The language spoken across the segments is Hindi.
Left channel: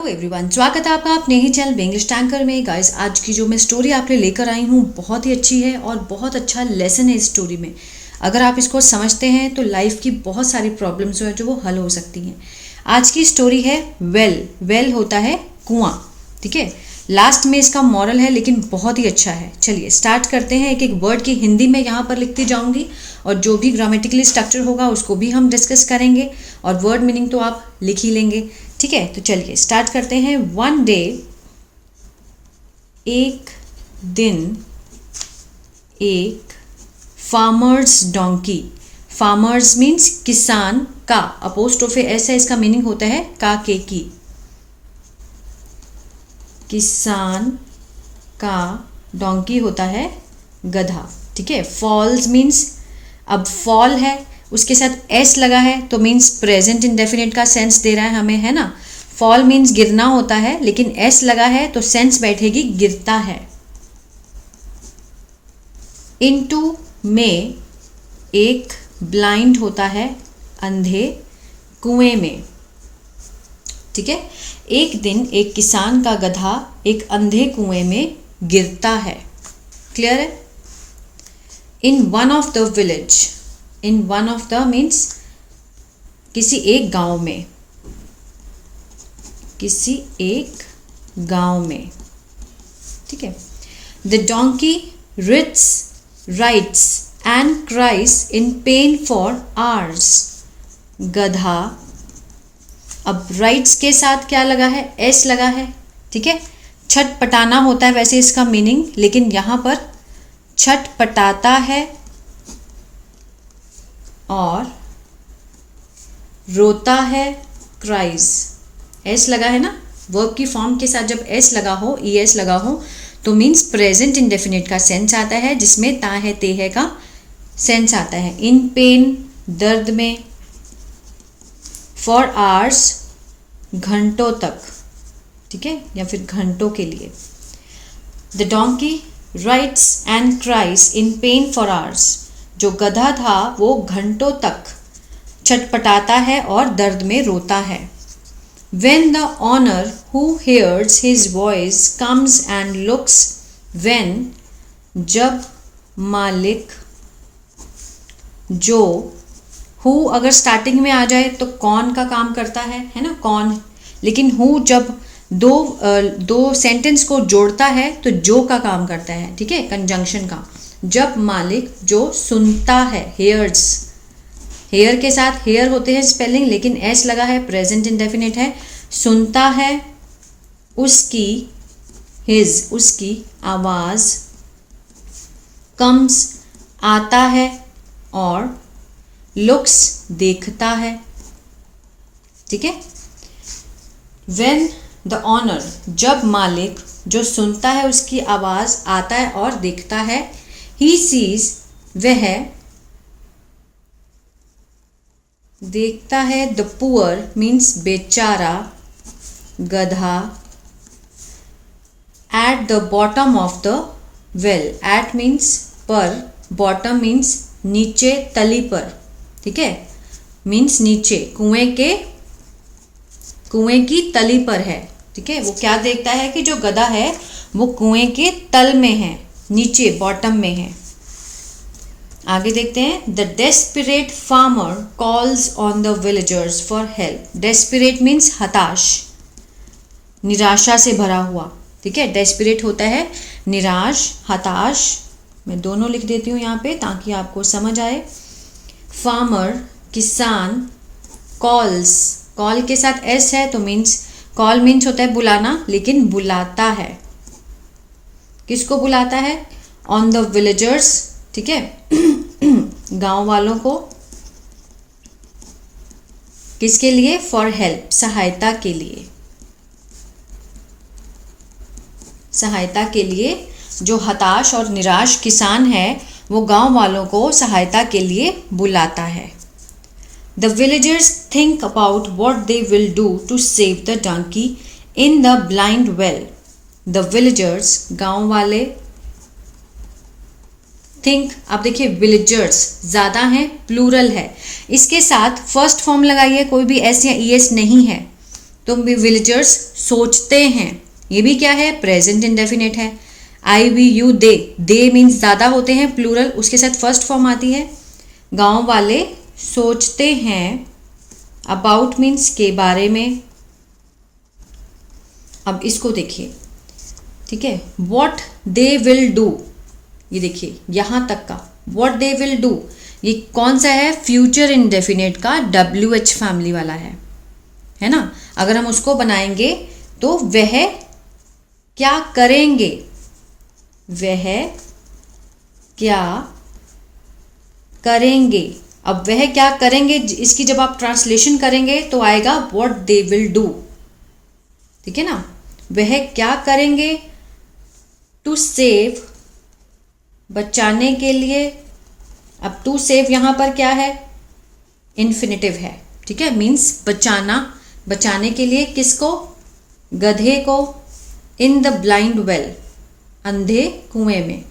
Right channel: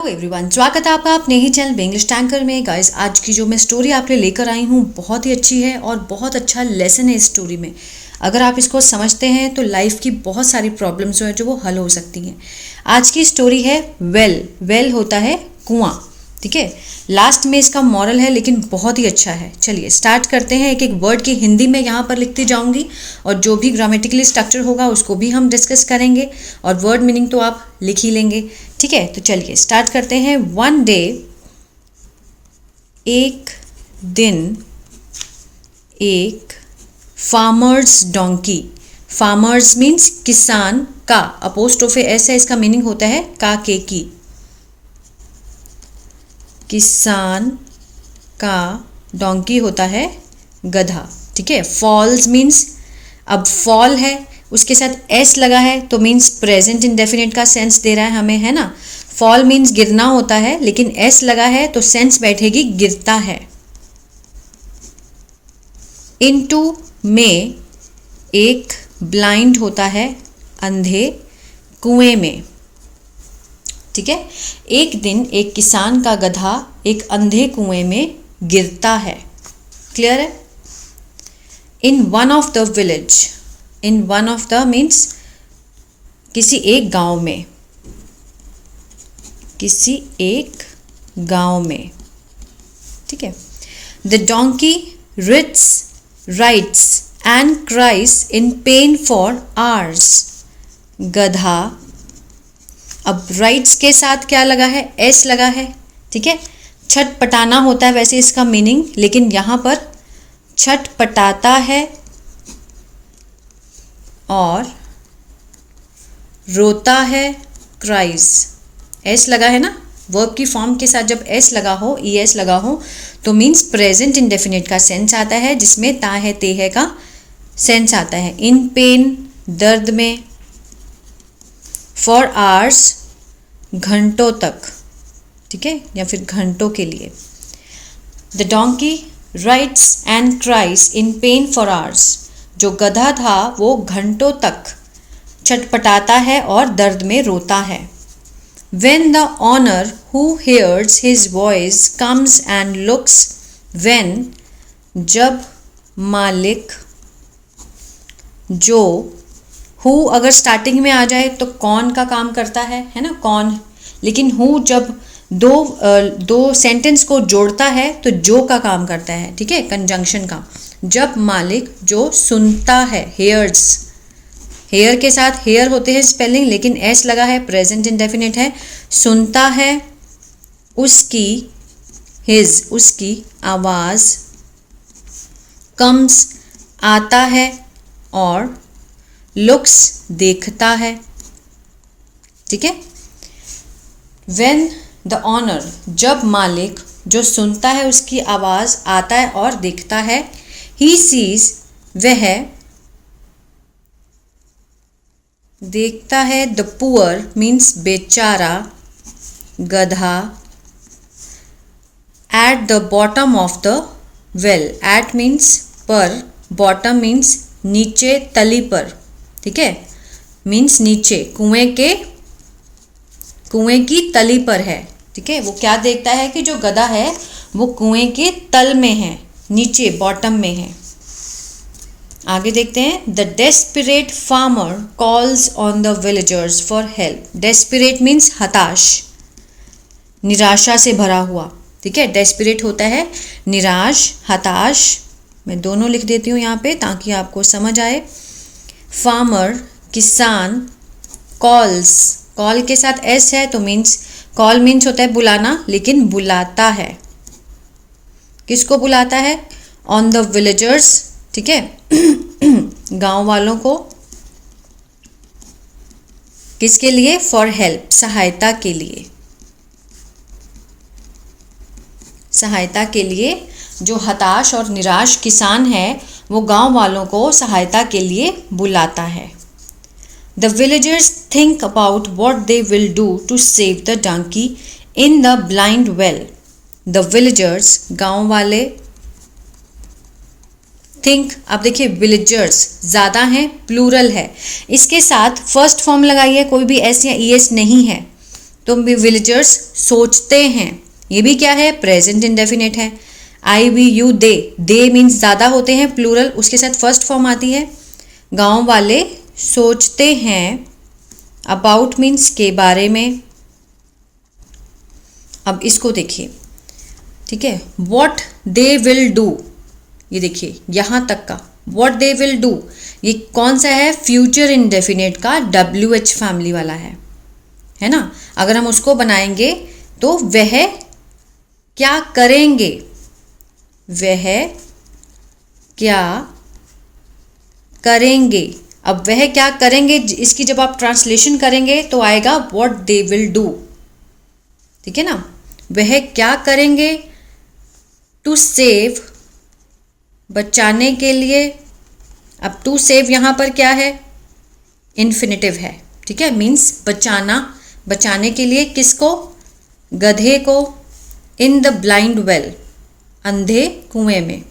हेलो एवरीवन, स्वागत है आपका अपने ही चैनल इंग्लिश टैंकर में। गाइस, आज की जो मैं स्टोरी आपके लेकर आई हूँ बहुत ही अच्छी है और बहुत अच्छा लेसन है इस स्टोरी में। अगर आप इसको समझते हैं तो लाइफ की बहुत सारी प्रॉब्लम्स जो है जो वो हल हो सकती हैं। आज की स्टोरी है वेल। वेल होता है कुआं, ठीक है। लास्ट में इसका मॉरल है लेकिन बहुत ही अच्छा है। चलिए स्टार्ट करते हैं। एक एक वर्ड की हिंदी में यहाँ पर लिखती जाऊँगी और जो भी ग्रामेटिकली स्ट्रक्चर होगा उसको भी हम डिस्कस करेंगे और वर्ड मीनिंग तो आप लिख ही लेंगे, ठीक है। तो चलिए स्टार्ट करते हैं। वन डे, एक दिन, एक फार्मर्स डोंकी। फार्मर्स मीन्स किसान का, अपोस्ट्रोफे एस है, इसका मीनिंग होता है का के की। किसान का, डोंकी होता है गधा, ठीक है। फॉल्स मीन्स, अब फॉल है उसके साथ एस लगा है तो मीन्स प्रेजेंट इंडेफिनिट का सेंस दे रहा है हमें, है ना। फॉल मीन्स गिरना होता है लेकिन एस लगा है तो सेंस बैठेगी गिरता है। इनटू में, एक ब्लाइंड होता है अंधे कुएं में, ठीक है। एक दिन एक किसान का गधा एक अंधे कुएं में गिरता है। क्लियर है। In one of the village, in one of the means किसी एक गांव में, किसी एक गांव में, ठीक है। The donkey writhes, writhes and cries in pain for hours. गधा, अब राइट्स के साथ क्या लगा है, एस लगा है, ठीक है। छटपटाना होता है वैसे इसका मीनिंग, लेकिन यहाँ पर छटपटाता है और रोता है, क्राइज। एस लगा है ना, वर्ब की फॉर्म के साथ जब एस लगा हो, ई एस लगा हो तो मीन्स प्रेजेंट इंडेफिनिट का सेंस आता है जिसमें ता है ते है का सेंस आता है। इन पेन, दर्द में, फॉर आवर्स, घंटों तक, ठीक है, या फिर घंटों के लिए। The donkey rights and cries in pain for hours. जो गधा था वो घंटों तक छटपटाता है और दर्द में रोता है। When the owner who hears his voice comes and looks, when, जब मालिक, जो, who अगर स्टार्टिंग में आ जाए तो कौन का काम करता है ना, कौन। लेकिन who जब दो सेंटेंस को जोड़ता है तो जो का काम करता है, ठीक है, कंजंक्शन का। जब मालिक जो सुनता है, हेयर्स, हेयर के साथ हेयर होते हैं स्पेलिंग लेकिन एस लगा है, प्रेजेंट इंडेफिनिट है। सुनता है, उसकी, हिज, उसकी आवाज, कम्स आता है और लुक्स देखता है, ठीक है। व्हेन द ऑनर, जब मालिक जो सुनता है उसकी आवाज आता है और देखता है। ही सीज, वह देखता है। द पुअर मीन्स बेचारा, गधा, at the bottom of the well. At means पर, बॉटम मीन्स नीचे, तली पर, ठीक है, मीन्स नीचे, कुएं की तली पर है, ठीक है। वो क्या देखता है कि जो गधा है वो कुएं के तल में है, नीचे, बॉटम में है। आगे देखते हैं। The desperate farmer calls on the villagers for help. Desperate means हताश, निराशा से भरा हुआ, ठीक है। डेस्परेट होता है निराश, हताश। मैं दोनों लिख देती हूँ यहाँ पे ताकि आपको समझ आए। फार्मर, किसान, कॉल्स, कॉल के साथ एस है तो मीन्स, कॉल मीन्स होता है बुलाना लेकिन बुलाता है, किसको बुलाता है, ऑन द विलेजर्स, ठीक है, गांव वालों को। किसके लिए, फॉर हेल्प, सहायता के लिए, सहायता के लिए। जो हताश और निराश किसान है वो गांव वालों को सहायता के लिए बुलाता है। The villagers think about what they will do to save the donkey in the blind well. The villagers, गांव वाले, थिंक, आप देखिए विलेजर्स ज़्यादा हैं, प्लूरल है, इसके साथ फर्स्ट फॉर्म लगाइए, कोई भी एस या ई एस नहीं है तो विलेजर्स सोचते हैं, ये भी क्या है, प्रेजेंट इंडेफिनिट है। आई वी यू दे मीन्स ज़्यादा होते हैं, प्लूरल, उसके साथ फर्स्ट फॉर्म आती है। गांव वाले सोचते हैं, अबाउट मीन्स के बारे में। अब इसको देखिए, ठीक है, वॉट दे विल डू, ये देखिए यहाँ तक का वॉट दे विल डू, ये कौन सा है, फ्यूचर इंडेफिनिट का WH फैमिली वाला है ना। अगर हम उसको बनाएंगे तो वह क्या करेंगे, वह क्या करेंगे। अब वह क्या करेंगे, इसकी जब आप ट्रांसलेशन करेंगे तो आएगा व्हाट दे विल डू, ठीक है ना। वह क्या करेंगे, टू सेव, बचाने के लिए। अब टू सेव यहाँ पर क्या है, इन्फिनिटिव है, ठीक है, मीन्स बचाना, बचाने के लिए किसको, गधे को। इन द ब्लाइंड वेल, अंधे कुएं में,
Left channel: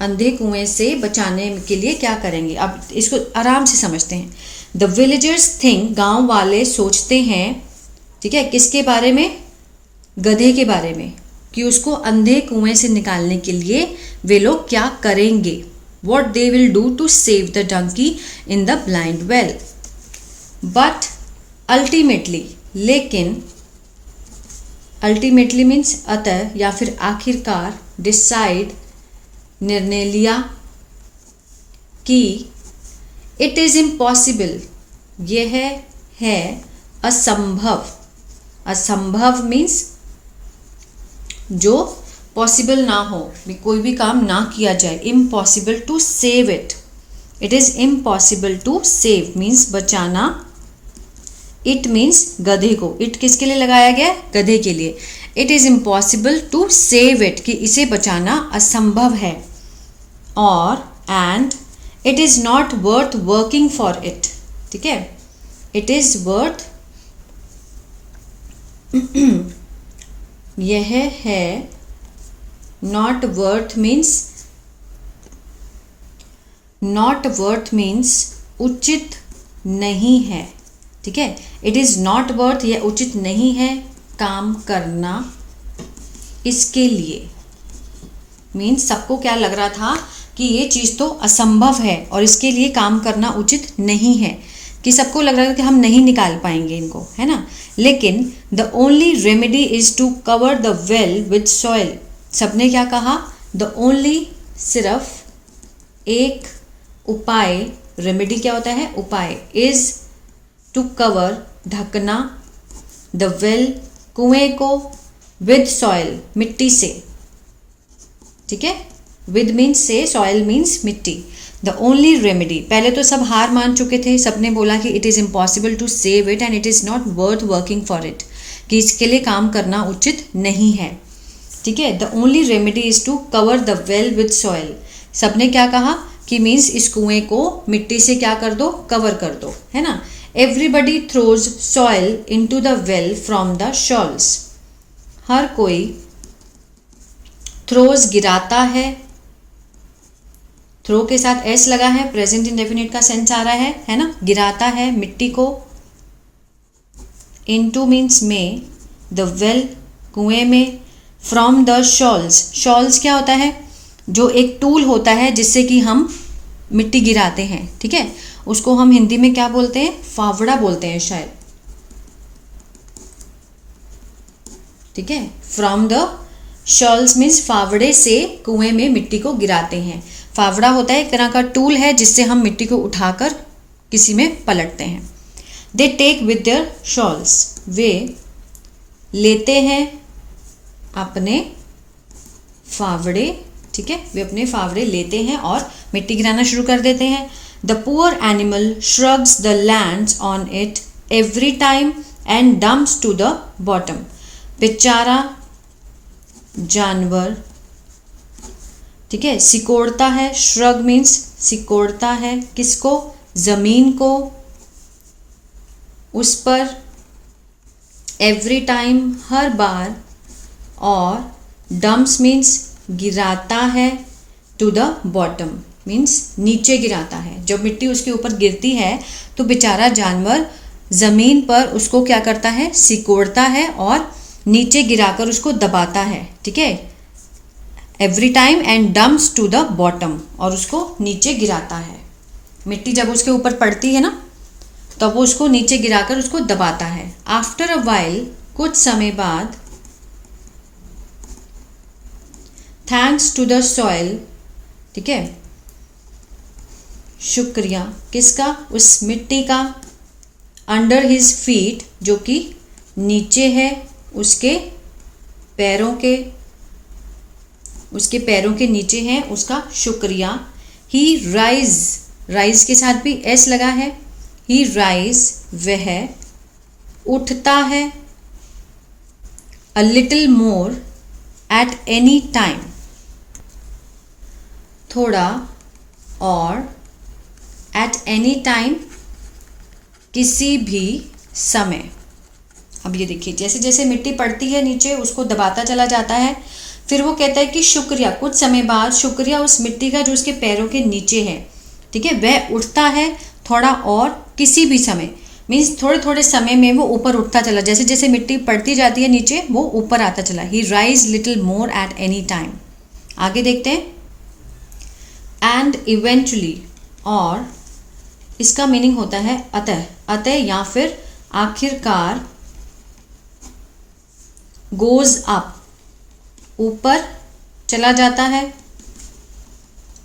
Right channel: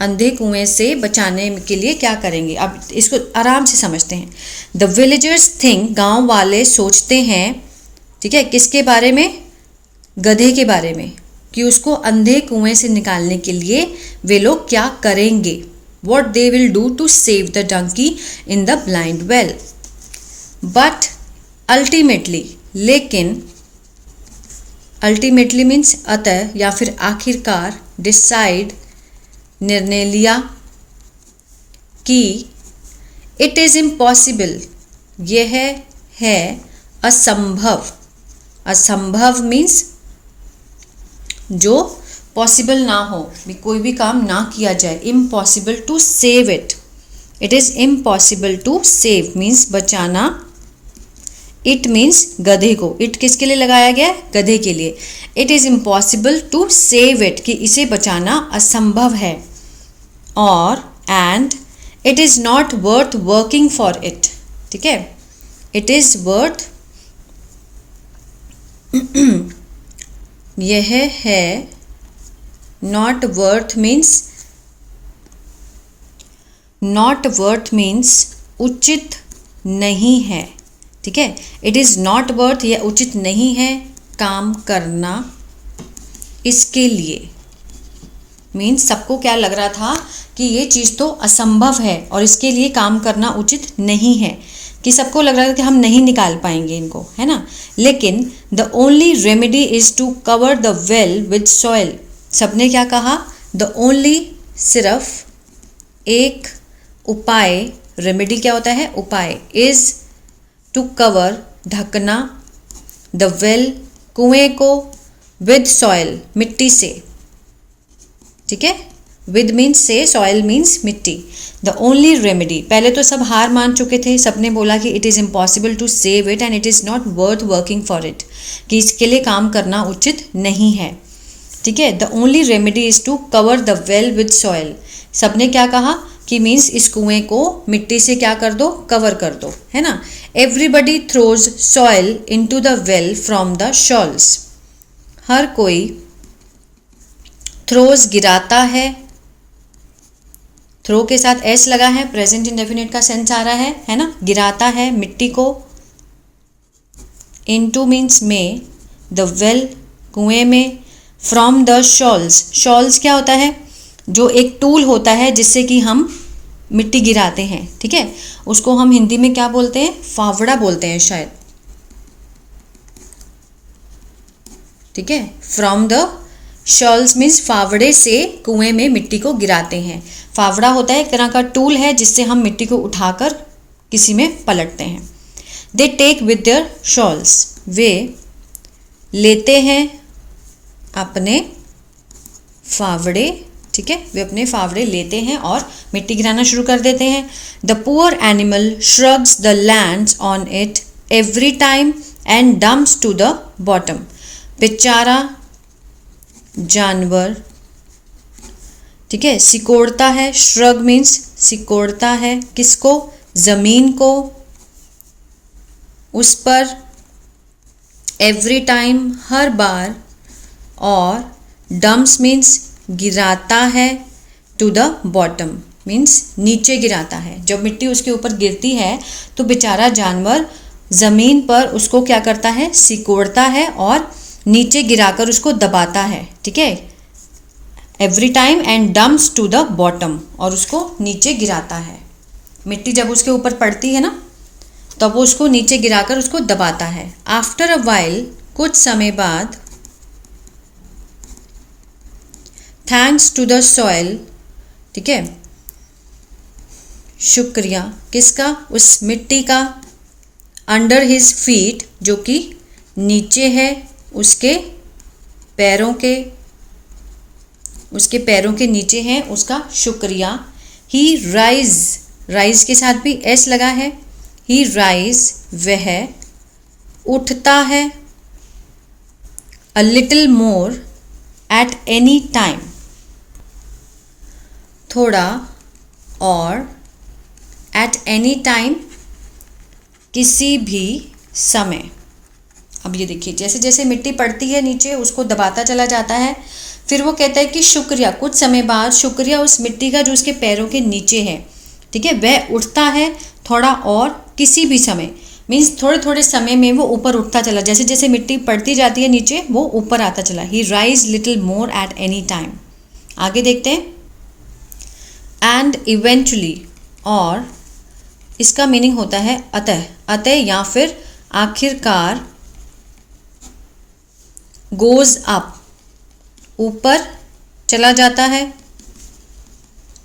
अंधे कुएं से बचाने के लिए क्या करेंगे। अब इसको आराम से समझते हैं। द विलेजर्स थिंक, गांव वाले सोचते हैं, ठीक है, किसके बारे में, गधे के बारे में, कि उसको अंधे कुएं से निकालने के लिए वे लोग क्या करेंगे। What they will do to save the donkey in the blind well. But ultimately, लेकिन, अल्टीमेटली मीन्स अतः या फिर आखिरकार, डिसाइड निर्णय लिया, कि इट इज़ इम्पॉसिबल, यह है असंभव। असंभव मीन्स जो पॉसिबल ना हो, कोई भी काम ना किया जाए। Impossible to save it, it is impossible to save means बचाना। इट मीन्स गधे को, इट किसके लिए लगाया गया, गधे के लिए। It is impossible to save it, कि इसे बचाना असंभव है। और and it is not worth working for it, ठीक है, इट इज़ वर्थ यह है, not worth means, not worth means उचित नहीं है, ठीक है। इट इज़ नॉट वर्थ, यह उचित नहीं है काम करना इसके लिए। मीन्स सबको क्या लग रहा था कि ये चीज़ तो असंभव है और इसके लिए काम करना उचित नहीं है, कि सबको लग रहा था कि हम नहीं निकाल पाएंगे इनको, है ना। लेकिन the only remedy is to cover the well with soil. सबने क्या कहा, द ओनली, सिर्फ एक उपाय, रेमेडी क्या होता है, उपाय, इज़ टू कवर, ढकना, द वेल, कुएं को, विद सॉइल, मिट्टी से, ठीक है। विद मीन्स से, सॉइल मीन्स मिट्टी। द ओनली रेमेडी, पहले तो सब हार मान चुके थे, सबने बोला कि it is impossible to save it and it is not worth working for it, कि इसके लिए काम करना उचित नहीं है, ठीक है। The only remedy is to cover the well with soil. सबने क्या कहा कि मीन्स इस कुएं को मिट्टी से क्या कर दो, कवर कर दो, है ना। Everybody throws soil into the well from the shawls. हर कोई, थ्रोज गिराता है, थ्रो के साथ एस लगा है, प्रेजेंट इंडेफिनिट का सेंस आ रहा है ना, गिराता है मिट्टी को। इनटू मीन्स में, द वेल, कुएं में, फ्रॉम द शॉल्स। शॉल्स क्या होता है, जो एक टूल होता है जिससे कि हम मिट्टी गिराते हैं, ठीक है, उसको हम हिंदी में क्या बोलते हैं, फावड़ा बोलते हैं शायद, ठीक है। फ्रॉम द शॉल्स मीन्स फावड़े से कुएं में मिट्टी को गिराते हैं। फावड़ा होता है एक तरह का टूल है जिससे हम मिट्टी को उठाकर किसी में पलटते हैं। They take with their shawls, वे लेते हैं अपने फावड़े, ठीक है, वे अपने फावड़े लेते हैं और मिट्टी गिराना शुरू कर देते हैं। The poor animal shrugs the lands on it every time and dumps to the bottom. बेचारा जानवर, ठीक है, सिकोड़ता है, श्रग मीन्स सिकोड़ता है, किसको, जमीन को, उस पर, एवरी टाइम, हर बार, और डम्प्स मीन्स गिराता है, टू द बॉटम मीन्स नीचे गिराता है। जब मिट्टी उसके ऊपर गिरती है तो बेचारा जानवर ज़मीन पर उसको क्या करता है, सिकोड़ता है और नीचे गिराकर उसको दबाता है, ठीक है, every time, and dumps to the bottom, और उसको नीचे गिराता है। मिट्टी जब उसके ऊपर पड़ती है ना, तब वो उसको नीचे गिराकर उसको दबाता है। आफ्टर अ वाइल, कुछ समय बाद, थैंक्स टू द सॉइल, ठीक है, शुक्रिया किसका, उस मिट्टी का, अंडर हिज फीट, जो कि नीचे है उसके पैरों के, उसके पैरों के नीचे है, उसका शुक्रिया। ही राइज, राइज के साथ भी एस लगा है, ही राइज, वह उठता है, a little more at any time, थोड़ा और, एट एनी टाइम, किसी भी समय। अब ये देखिए, जैसे जैसे मिट्टी पड़ती है नीचे उसको दबाता चला जाता है, फिर वो कहता है कि शुक्रिया, कुछ समय बाद शुक्रिया उस मिट्टी का जो उसके पैरों के नीचे है, ठीक है, वह उठता है थोड़ा और, किसी भी समय, मीन्स थोड़े थोड़े समय में वो ऊपर उठता चला, जैसे जैसे मिट्टी पड़ती जाती है नीचे वो ऊपर आता चला। He rise little more at any time. आगे देखते हैं, एंड इवेंचुअली, और इसका मीनिंग होता है अतः, अतः या फिर आखिरकार, गोज अप, ऊपर चला जाता है,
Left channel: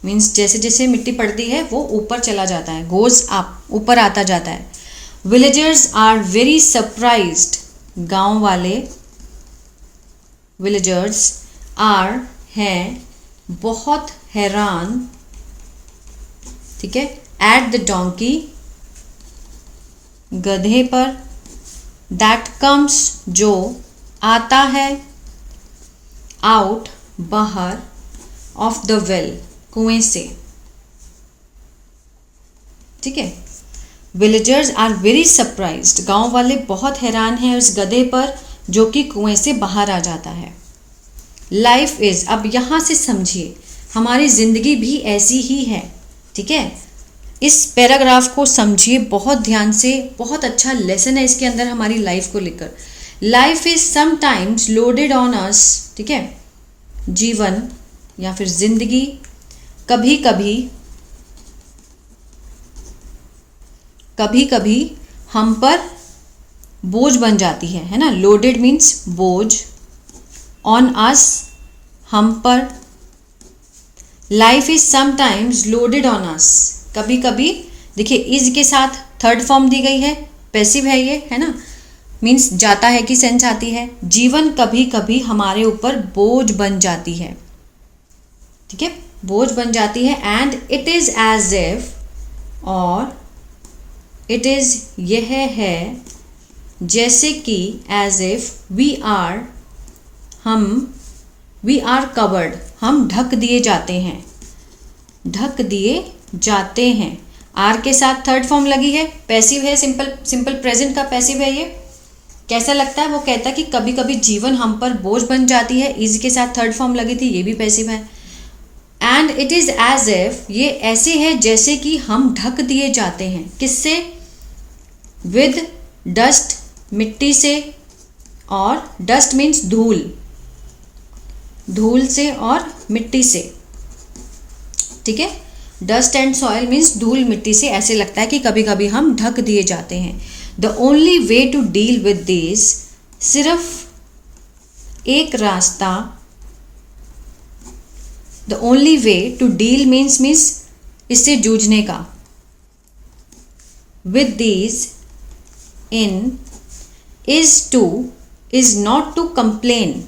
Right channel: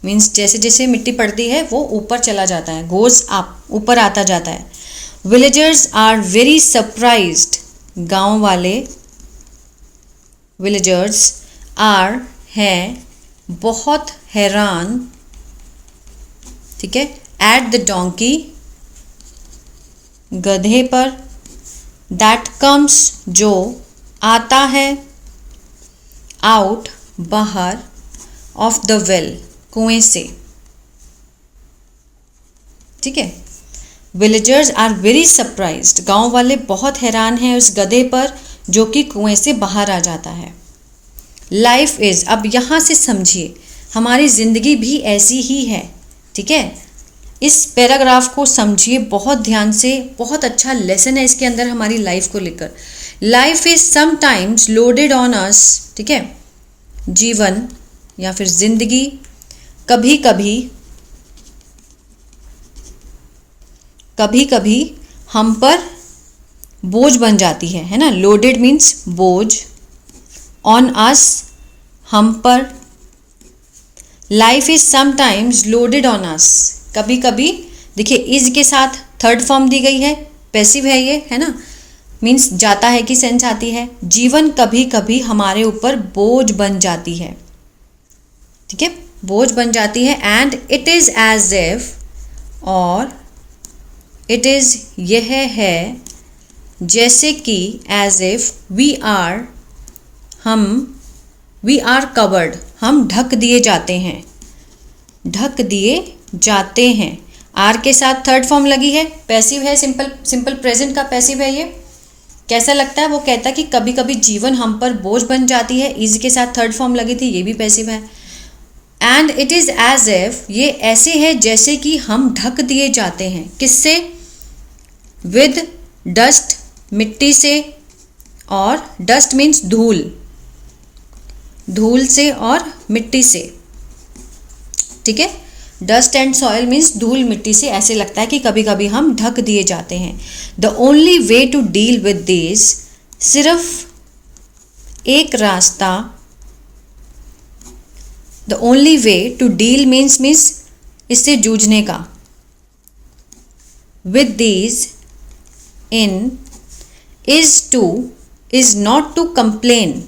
मीन्स जैसे जैसे मिट्टी पड़ती है वो ऊपर चला जाता है, गोज अप, ऊपर आता जाता है। विलेजर्स आर वेरी सरप्राइज्ड, गांव वाले, विलेजर्स आर, हैं, बहुत हैरान, ठीक है, एट द डोंकी, गधे पर, दैट कम्स, जो आता है, आउट, बाहर, ऑफ द वेल, कुएं से, ठीक है। विलेजर्स आर वेरी सरप्राइज्ड, गांव वाले बहुत हैरान हैं उस गधे पर जो कि कुएं से बाहर आ जाता है। लाइफ इज, अब यहाँ से समझिए हमारी ज़िंदगी भी ऐसी ही है, ठीक है। इस पैराग्राफ को समझिए बहुत ध्यान से, बहुत अच्छा लेसन है इसके अंदर हमारी लाइफ को लेकर। Life is sometimes loaded on us, ठीक है, जीवन या फिर जिंदगी कभी कभी हम पर बोझ बन जाती है ना। लोडेड मीन्स बोझ, ऑन अस, हम पर। Life is sometimes loaded on us, कभी कभी, देखिए इज के साथ थर्ड फॉर्म दी गई है, पैसिव है ये, है ना, मीन्स जाता है की सेंस आती है। जीवन कभी कभी हमारे ऊपर बोझ बन जाती है, ठीक है, बोझ बन जाती है। And it is as if, और इट इज, यह है, जैसे कि, एज इफ, वी आर, हम, वी आर कवर्ड, हम ढक दिए जाते हैं, ढक दिए जाते हैं। आर के साथ थर्ड फॉर्म लगी है, पैसिव है, सिंपल प्रेजेंट का पैसिव है ये। कैसा लगता है, वो कहता है कि कभी कभी जीवन हम पर बोझ बन जाती है, इज के साथ थर्ड फॉर्म लगी थी, ये भी पैसिव है। And it is as if, ये ऐसे है जैसे कि हम ढक दिए जाते हैं, किससे, विद डस्ट, मिट्टी से, और डस्ट मीन्स धूल, धूल से और मिट्टी से, ठीक है। डस्ट एंड सॉइल मीन्स धूल मिट्टी से, ऐसे लगता है कि कभी कभी हम ढक दिए जाते हैं। The only way to deal with this, सिर्फ एक रास्ता, the only way to deal means इससे जूझने का, with these, in, is not to complain,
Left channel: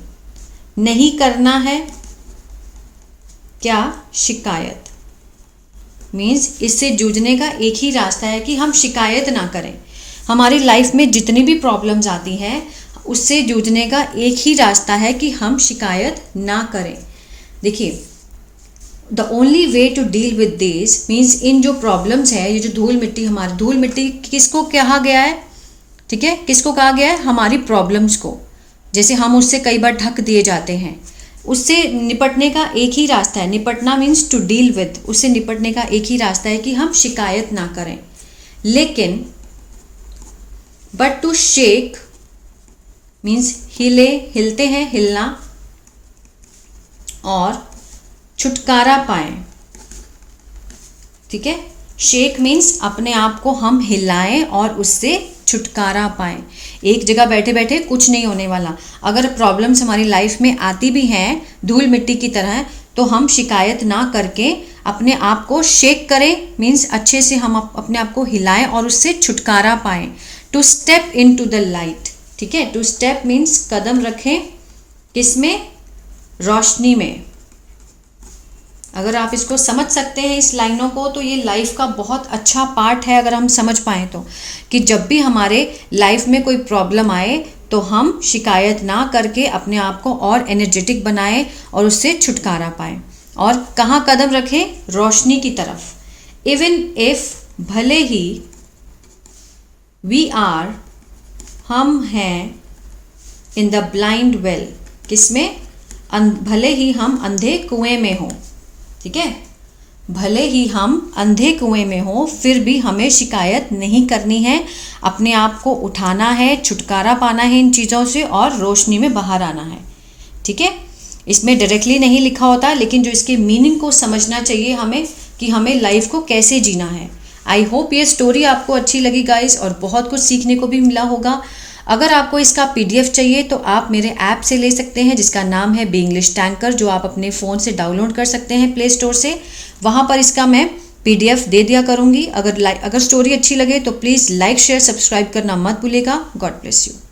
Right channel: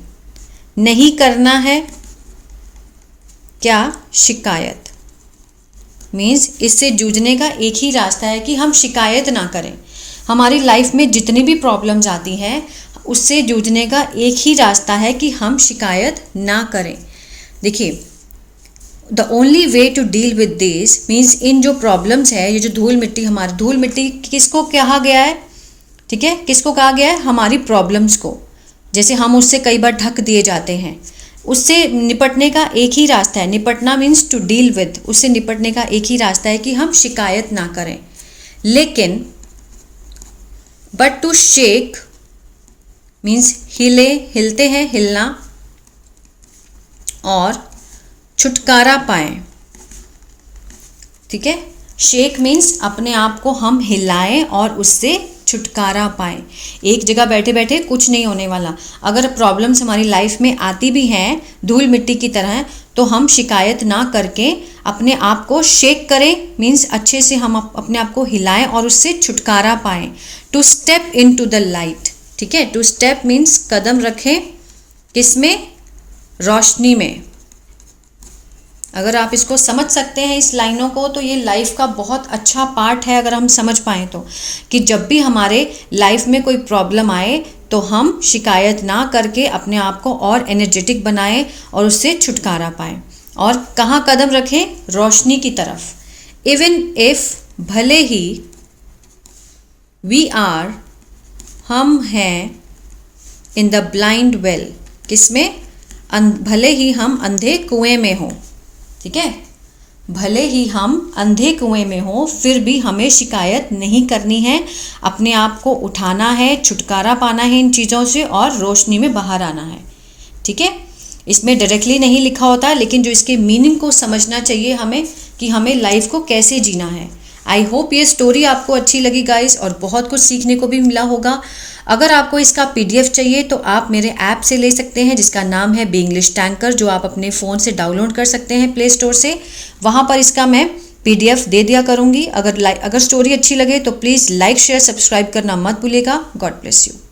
नहीं करना है क्या, शिकायत। मीन्स इससे जूझने का एक ही रास्ता है कि हम शिकायत ना करें। हमारी लाइफ में जितनी भी प्रॉब्लम्स आती हैं उससे जूझने का एक ही रास्ता है कि हम शिकायत ना करें। देखिए, the only way to deal with this means, इन जो प्रॉब्लम्स है, ये जो धूल मिट्टी, हमारी धूल मिट्टी किसको कहा गया है, ठीक है, किसको कहा गया है, हमारी प्रॉब्लम्स को। जैसे हम उससे कई बार ढक दिए जाते हैं, उससे निपटने का एक ही रास्ता है, निपटना मीन्स टू डील विद, उससे निपटने का एक ही रास्ता है कि हम शिकायत ना करें। लेकिन बट टू शेक मीन्स हिले, हिलते हैं, हिलना, और छुटकारा पाएं। ठीक है, शेक मीन्स अपने आप को हम हिलाएं और उससे छुटकारा पाएं। एक जगह बैठे बैठे कुछ नहीं होने वाला। अगर प्रॉब्लम्स हमारी लाइफ में आती भी हैं धूल मिट्टी की तरह, तो हम शिकायत ना करके अपने आप को शेक करें, मीन्स अच्छे से हम अपने आप को हिलाएं और उससे छुटकारा पाएं। To step into the light. ठीक है, टू स्टेप मीन्स कदम रखें, किसमें? रोशनी में। अगर आप इसको समझ सकते हैं इस लाइनों को, तो ये लाइफ का बहुत अच्छा पार्ट है अगर हम समझ पाएँ तो, कि जब भी हमारे लाइफ में कोई प्रॉब्लम आए तो हम शिकायत ना करके अपने आप को और एनर्जेटिक बनाएं और उससे छुटकारा पाएं। और कहाँ कदम रखें? रोशनी की तरफ। इवन इफ, भले ही, वी आर, हम हैं, इन द ब्लाइंड वेल, किसमें? भले ही हम अंधे कुएं में हों। ठीक है, भले ही हम अंधे कुएं में हो, फिर भी हमें शिकायत नहीं करनी है, अपने आप को उठाना है, छुटकारा पाना है इन चीज़ों से और रोशनी में बाहर आना है। ठीक है, इसमें डायरेक्टली नहीं लिखा होता, लेकिन जो इसके मीनिंग को समझना चाहिए हमें कि हमें लाइफ को कैसे जीना है। आई होप ये स्टोरी आपको अच्छी लगी गाइस, और बहुत कुछ सीखने को भी मिला होगा। अगर आपको इसका PDF चाहिए तो आप मेरे ऐप से ले सकते हैं, जिसका नाम है बी इंग्लिश टैंकर, जो आप अपने फ़ोन से डाउनलोड कर सकते हैं प्ले स्टोर से। वहाँ पर इसका मैं PDF दे दिया करूँगी। अगर स्टोरी अच्छी लगे तो प्लीज़ लाइक, शेयर, सब्सक्राइब करना मत भूलिएगा। God bless you.